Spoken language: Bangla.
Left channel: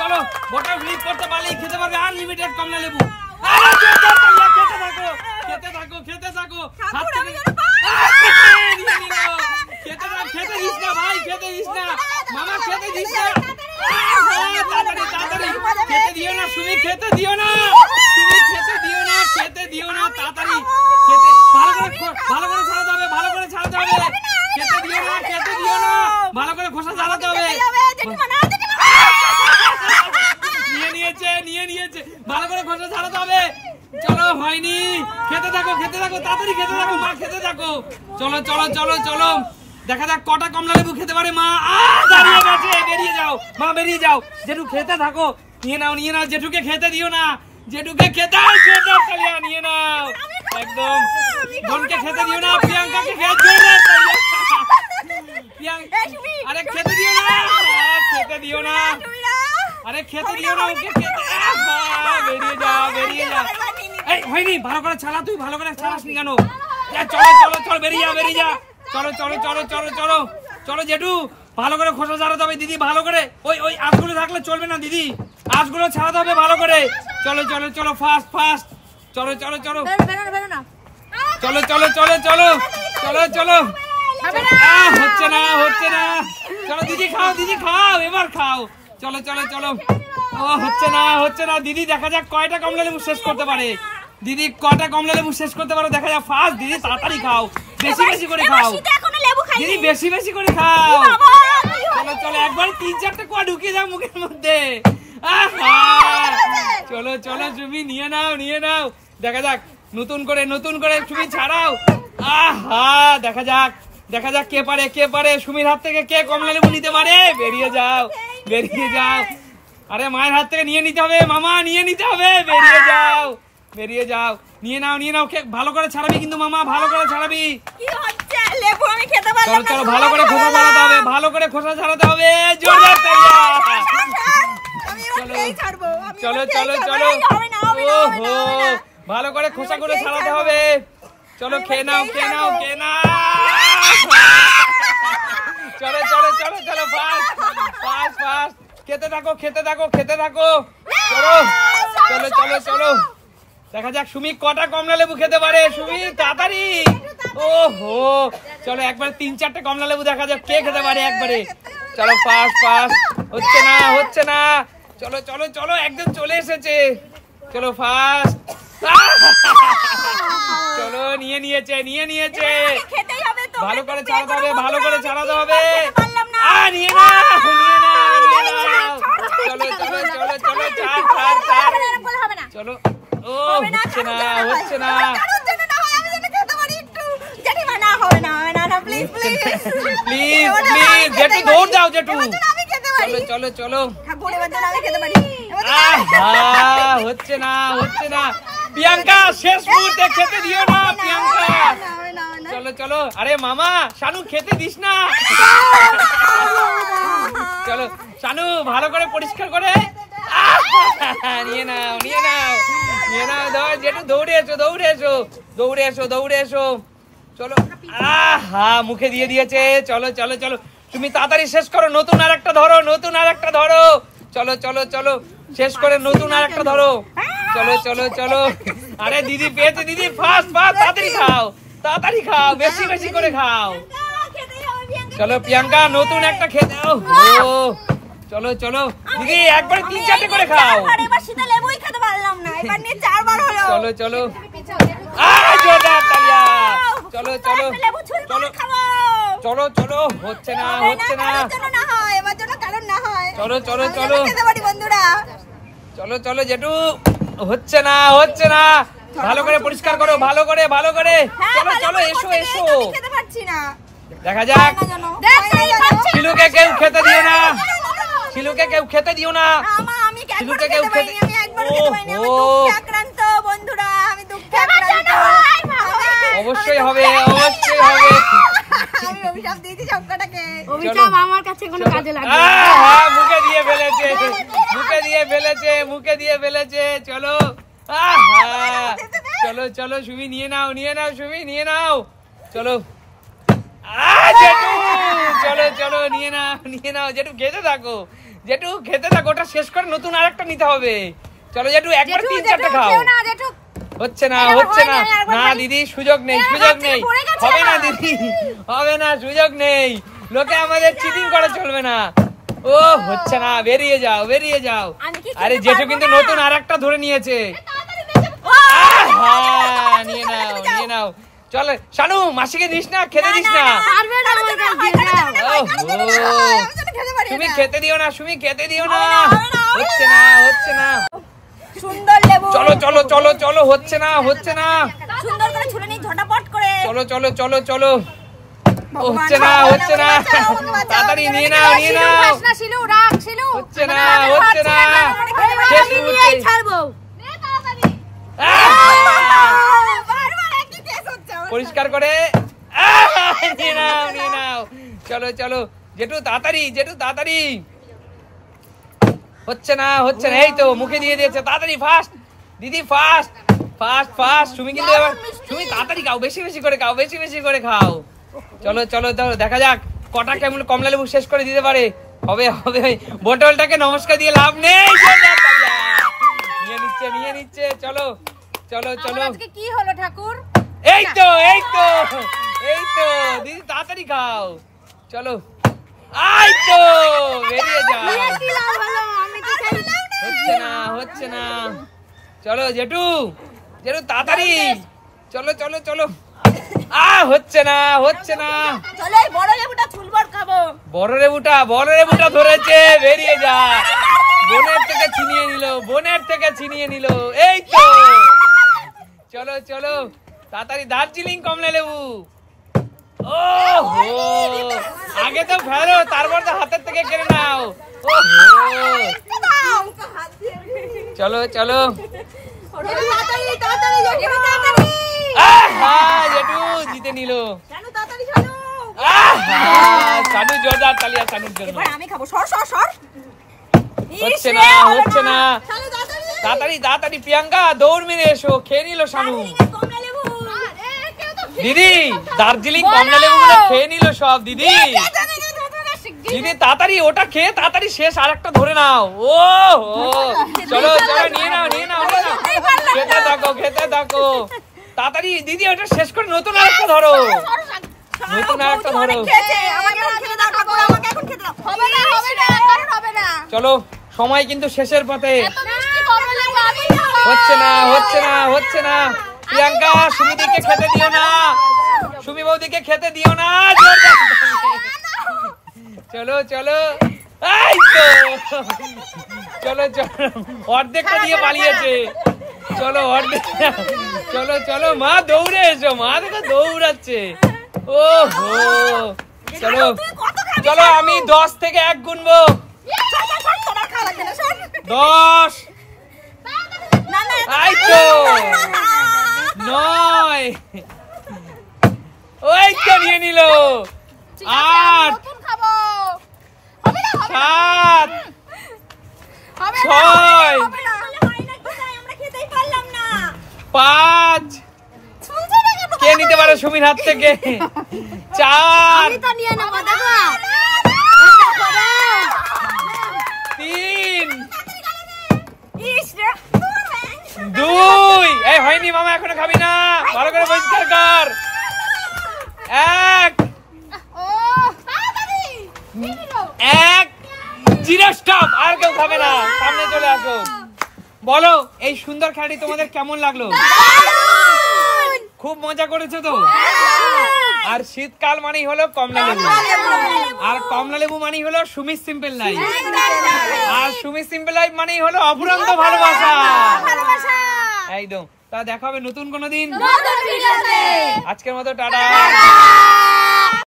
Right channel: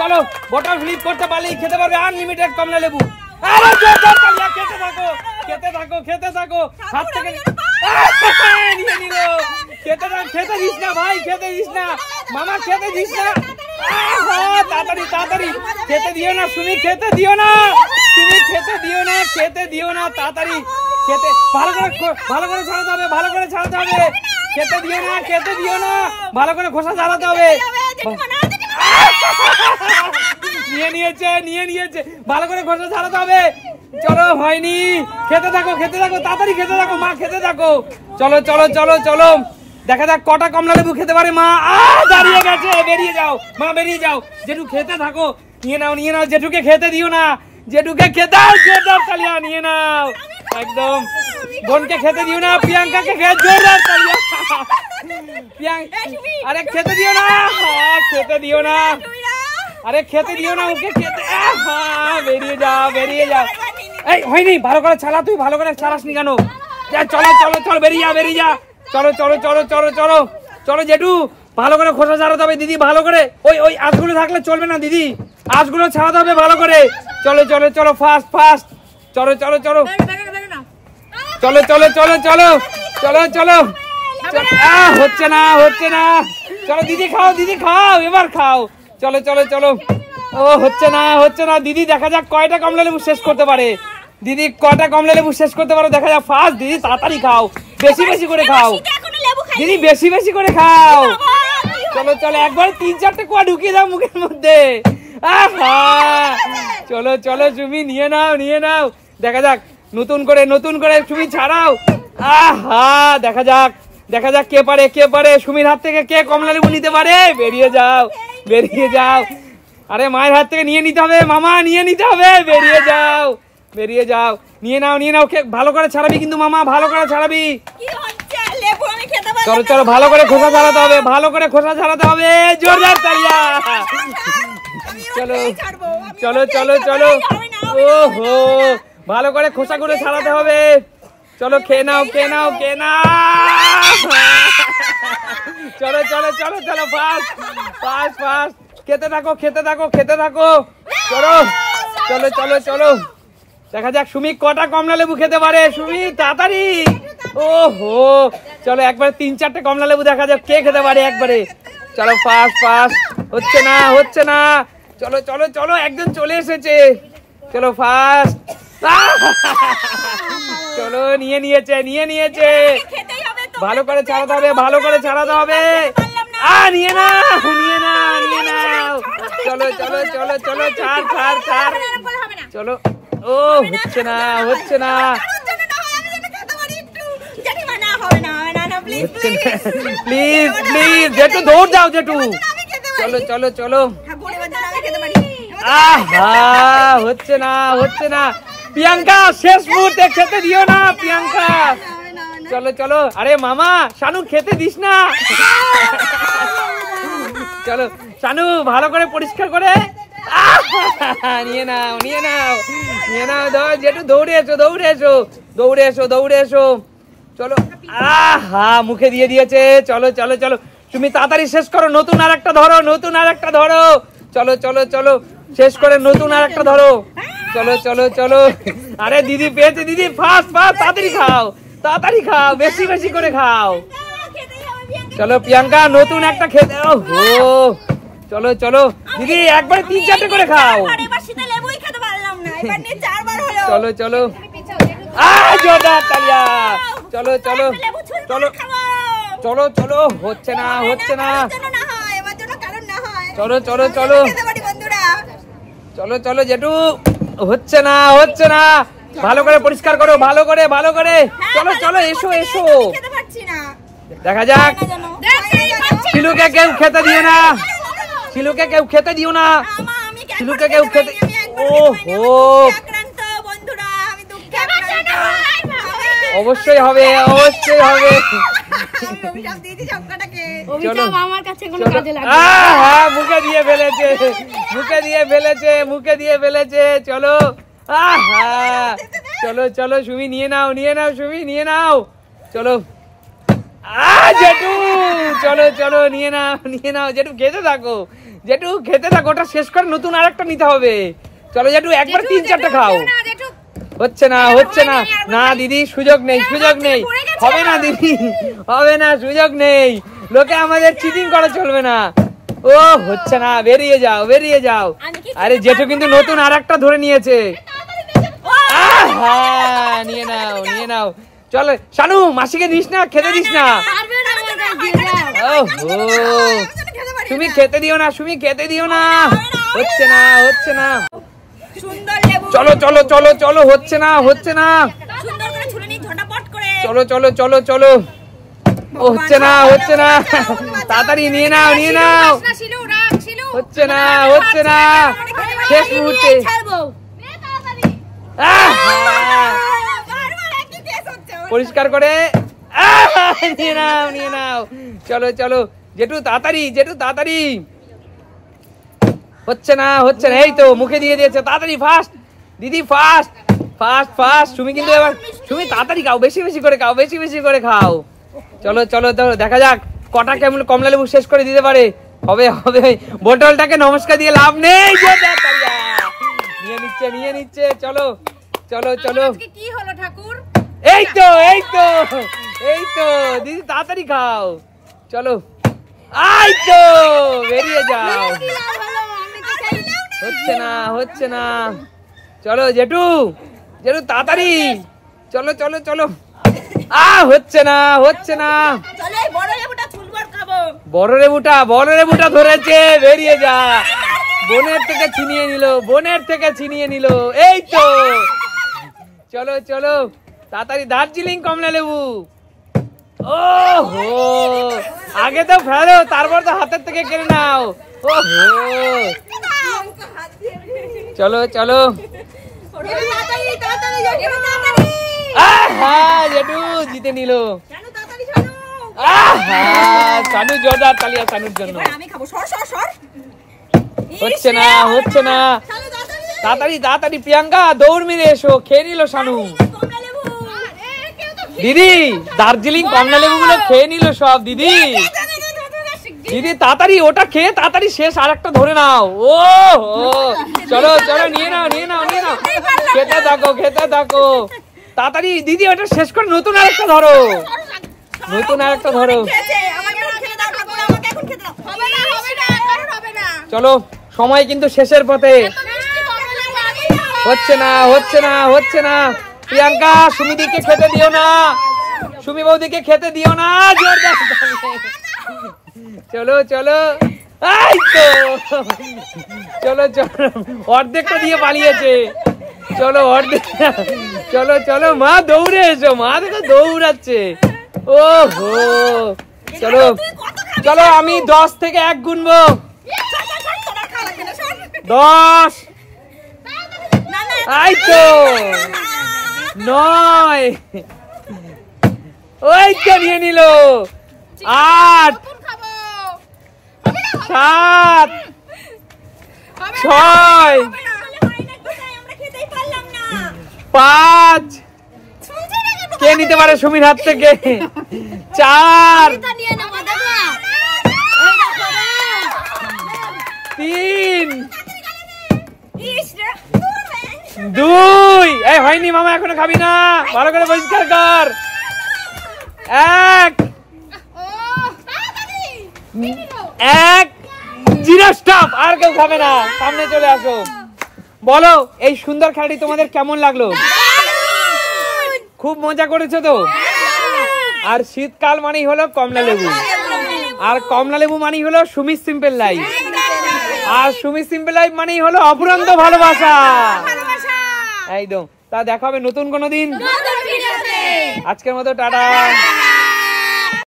চলো বটল ফ্লিপ করতে পারলেই খেতে পারবে আনলিমিটেড কমলা লেবু। আরে জোরদার তালিয়া, খেতে থাকো হাত থেকে নিয়ে নিল। খেতে দিস না ভাই, খেতে দিস না মামা, খেতে দিস না। তাড়াতাড়ি খেতে দিও না সুমি, খেতে দিও না তুমি, খেতে দিও না তাড়াতাড়ি। খেতে ভালো করে ছাড়াতে হবে, খেতে দিও না ভালো করে খোসা ছাড়াতে হবে। নিয়ে নিয়েছে ভালো করে খোসা ছাড়াতে হবে। চলো হয়নি, খেতে থাকো তাড়াতাড়ি খেতে থাকো মা, খেতে থাকো। চলো দেখা যাক কটা কমলা লেবু খেতে পারে মা। দাঁড়িয়ে গেছে, বেরিয়ে যাও মা, বেরিয়ে যাও। জেঠু খেতে থাকো, নিয়ে নাও জেঠুকে খেতে দিও না, জেঠুকে খেতে নিয়ে নাও একদম। বোনকে খেতে দিও না, প্রিয়াঙ্কাকে আরে খেতে দিও না, আরে খেতে দিও না ওকে, বেরিয়ে যাও। এই হয়নি, ভালো করে ছাড়া, তুই ভালো করে ছাড়াসনি কেন? চলো বেরিয়ে যা। চলো জেঠু, ভালো করে খোসা ছাড়াতে হবে দিদি, ভালো করে। ওই আঁশগুলো থাকলে চলবে না দিদি, আঁশগুলো ছাড়াতে হবে ভালো করে। চলো ফাস্ট চলো হচ্ছে না। চলো দিদি খাও, এবার খাও। চলো ও হচ্ছে না দিদি। দেখা যাক কয়টা কমলা লেবু শেষ করতে পারে দিদি, দেখা যাক। ফার্স্ট দিদি, তাড়াতাড়ি খাও, বেশি করে খাও দিদি, বেশি করে খাও। চলো একবার 3-4টে কোয়া ঢুকিয়ে দাও মুখের মধ্যে। চলো তুমি নিয়ে নাও। দেখা যাক নতুন করে তুমি ছাড়াও। দেখা যাক কে পারে সুমির হাত থেকে কে কমলা লেবু নিতে পারে। বেরিয়ে যাও। আরে মায়ের হাত থেকে নিয়ে নিতে হবে মামা, বেরিয়ে যাও। নিয়ে নাও ভালো করে ছাড়াবি কিন্তু মামা, ভালো করে ছাড়াবি। চলো ভালো করে খোসা ছাড়াতে হবে, জোরদার তালিয়া। চলো ভালো করে খোসাগুলো ছাড়াতে হবে। চলো খেয়ে নাও। চলো ফাস্ট খেতে থাকো। চলো দেখা যাক সুমি কটা কমলা লেবু খেতে পারে। সুমি তাড়াতাড়ি। চলো একবার 3-4টে কমলা লেবু দেখা যাক কে খেতে পারে একবারে। চলো ফাস্ট হচ্ছে না। চলো একদম চলে এসেছে। চলো ফাস্ট। চলো নিয়ে নিয়েছে। ভালো করে ছাড়াতে হবে, নিয়ে না। চলো হচ্ছে না। প্লিজ জেঠু, দৌড় যাও জেঠু। চলো হচ্ছে না। প্রিয়াঙ্কা শেষ মুহূর্তে খেতে দিও না প্রিয়াঙ্কা। চলো আরে মামা শানু খেতে দিস না। চলো শানু ভালো করে পরিষ্কার করে নিয়ে নাও। জেঠু দৌড়ে এসো। চলো মুখে দিয়ে দিয়েছে। চলো তুমি তাড়াতাড়ি শেষ করো, নতুন আর একটা ধরো। চলো শেষ করে নতুন আর একটা ধরো। চলো আরে দিদি পেয়েছে, দিদি ফাস্ট তাড়াতাড়ি খাও, বেশি করে খাও। চলো প্রিয়াঙ্কা নতুন একটা খেতে। চলো দিদি একবার 3-4টে করে খাও। চলো হচ্ছে না। চলো জেঠু হচ্ছে না। ভালো করে পরিষ্কার করো, ভালো করে। চলো এসো। দেখা যাক শিলুকে কেউ খেতে দিও না। অবশ্যই হবে। অভিশাপ আমার কাছে কোনো কাজে লাগবে না। মুখে দিয়ে ফেলেছে। চলো সুমি নিয়ে নাও। চলো চলো নিয়ে নাও। জেঠু খেতে থাকো। জেঠু খেতে থাক, ওটা শেষ করে নতুন আরেকটা নিতে হবে। চলো জেঠু একবার তিন চারটে খাও। হচ্ছে না হচ্ছে না, না দিদি সুযোগ নেই, সুযোগ নেই, হবে না দিদি, হবে না, সুযোগ নেই, লোকে আমাদের চিটিং করা চলবে না। ও হচ্ছে না, বেরিয়ে যাও বেরিয়ে যাও। আরে জেঠু কিন্তু নতুন আরেকটা ধরে নিয়েছে। নিয়ে নাও নিয়ে নাও, চলো শানু মাসিকে দিস না, খেতে দিস না, তুমি খেতে দিও না, তুমি খেতে দিও না, হচ্ছে না হচ্ছে না, সুন্দর লেবু, চলো চলো চলো চলো, হচ্ছে না হচ্ছে না, সুন্দর করে ছুলে নি ঝটাপট করে, চলো চলো চলো চলো, হচ্ছে না হচ্ছে না, তাড়াতাড়ি নিয়ে নাও নিয়ে নাও, হচ্ছে না হচ্ছে না, আমি নিয়েই ছাড়বো। পরিষ্কার করে নিয়ে নাও নিয়ে নাও, চলো চলো জেঠু তাড়াতাড়ি, জেঠু তাড়াতাড়ি, হচ্ছে না হচ্ছে না, এই তো মুখে দিয়ে দিয়েছে, তাড়াতাড়ি ফাস্ট দিদি, ফাস্ট ফাস্ট ফাস্ট, তুমি কিন্তু এবার তুমি তাড়াতাড়ি খাও, বেশি বেশি করে খাও, বেশি বেশি করে খাও, চলো চলো চলো, দেখা যাক কটা কেমন কমলা লেবু শেষ করে দিতে পারে। হবে হবে, বোতলটাকে নমস্কার দিয়ে লাভ নেই, নিয়ে নিচ্ছে নিয়ে নিচ্ছে, চলো চলো চলো, কি হলো ঠাকুর? এই তো এই তো এই তো দিদি তাড়াতাড়ি খাও, চলো এই তো বেরিয়ে যাও, হচ্ছে না হচ্ছে না, চলো জেঠু জেঠু তাড়াতাড়ি, চলো চলো চলো, হচ্ছে না হচ্ছে না, চলো এই বড় লেবুটা ছুলবর খাবো, বড় লেবুটা ধরেছে, বেরিয়ে যা, বোনের থেকে ছিনিয়ে নিল, বোনের থেকে ছিনিয়ে নিল, এই তো, চলো চলো তাড়াতাড়ি, দার্জিলিং কমলা লেবু, ও আগে তো ফেলো, তারপর তো হাতের থেকে কেড়ে নাও, চলো চলো, জিতে নিল, আমি খাবো, সর সর সর, হচ্ছে না হচ্ছে না, তাড়াতাড়ি তাড়াতাড়ি প্রিয়াঙ্কা দৌড় মেরে এসো, খেয়ে নিল শানু, দিদি দার্জিলিং কমলা লেবু খেয়ে নিল সব, দিদি দিদি তাড়াতাড়ি ওটা খেয়ে তাড়াতাড়ি শেষ, আর একটা ধরে নাও, ও চলো চলো নিয়ে নাও নিয়ে নাও, খেতে থাকো খেতে থাকো, তাড়াতাড়ি দিদি ওটা শেষ করে নতুন আরেকটা ধরো, নতুন আরেকটা ধরো, চলো সময় কিন্তু শেষের পথে, হচ্ছে না হচ্ছে না হচ্ছে না, প্রিয়াঙ্কা সুমিদিকে খেতে দিও না, সুমি বৌদিকে খেতে দিও না, চলো চলো চলো চলো, অর্ধেক দিয়ে পালিয়েছে, চলো অর্ধেক, চলো চলো মা দৌড়ে এসো, মা তো দৌড়াচ্ছে, ও হো, চলো চলো আমি 10 থেকে 1 গুনবো, 10, 9, ওই তো নিয়ে নিল, 8, 7, 6, 5, কে নিতে পারে সুমির হাত থেকে, 4, 3, 2, এই হয়নি মামা এখনো খাবি না, ভালো করে পরিষ্কার কর, 1, 0 স্টপ, আর কেউ খাবে না, সামনে চলে আসো, বলো এই সুন্দর খেলাটি তোমাদের কেমন লাগলো? খুব মজা করেছো তো? আর শীতকাল মানেই হলো কমলা লেবু, আর কমলা লেবু মানেই হলো সুমি সিম্পল লাইফ, আর সুমি সিম্পল লাইফ মানেই হলো অফুরন্ত ভালোবাসা, একদম। তা দেখা হবে নতুন কোনো দিন, আজকের মতো টাটা।